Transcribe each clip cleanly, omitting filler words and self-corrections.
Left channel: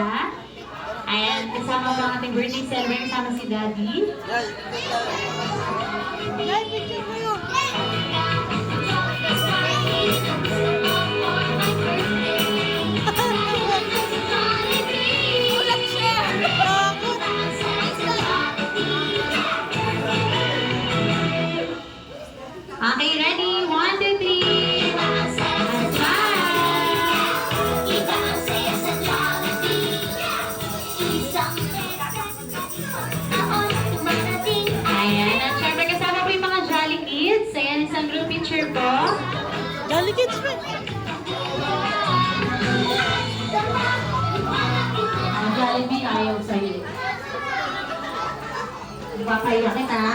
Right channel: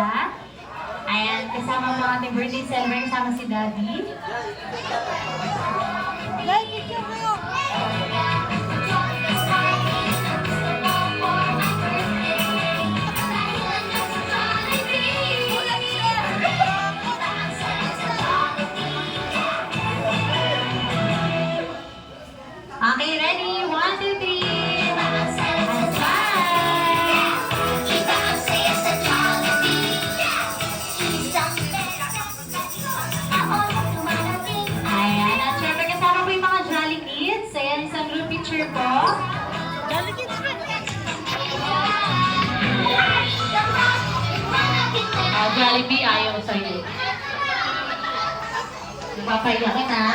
sila. Ayan, kasama po ang ating birthday celebrant, kasama si Daddy. Guys, picture kayo! Okay, ready? 1, 2, 3. And smile! Ayan, at syempre kasama po yung mga Jolly Kids. Ayan, isang group picture po. Jolly Kids ba? Jollibee, ayaw sa'yo. Napapaiyakin ha.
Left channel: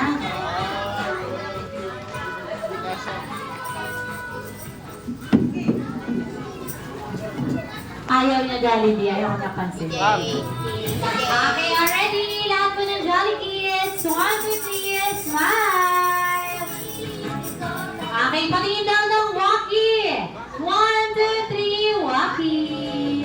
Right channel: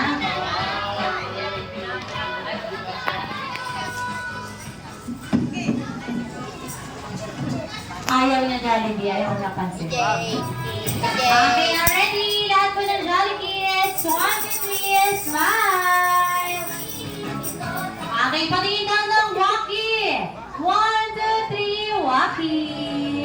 Ayaw niya Jollibee, ayaw niya pansin. Okay, ready? Lahat po ng Jolly Kids. 1, 2, 3, smile! Okay, patingin lang ng Waki. 1, 2, 3, Waki!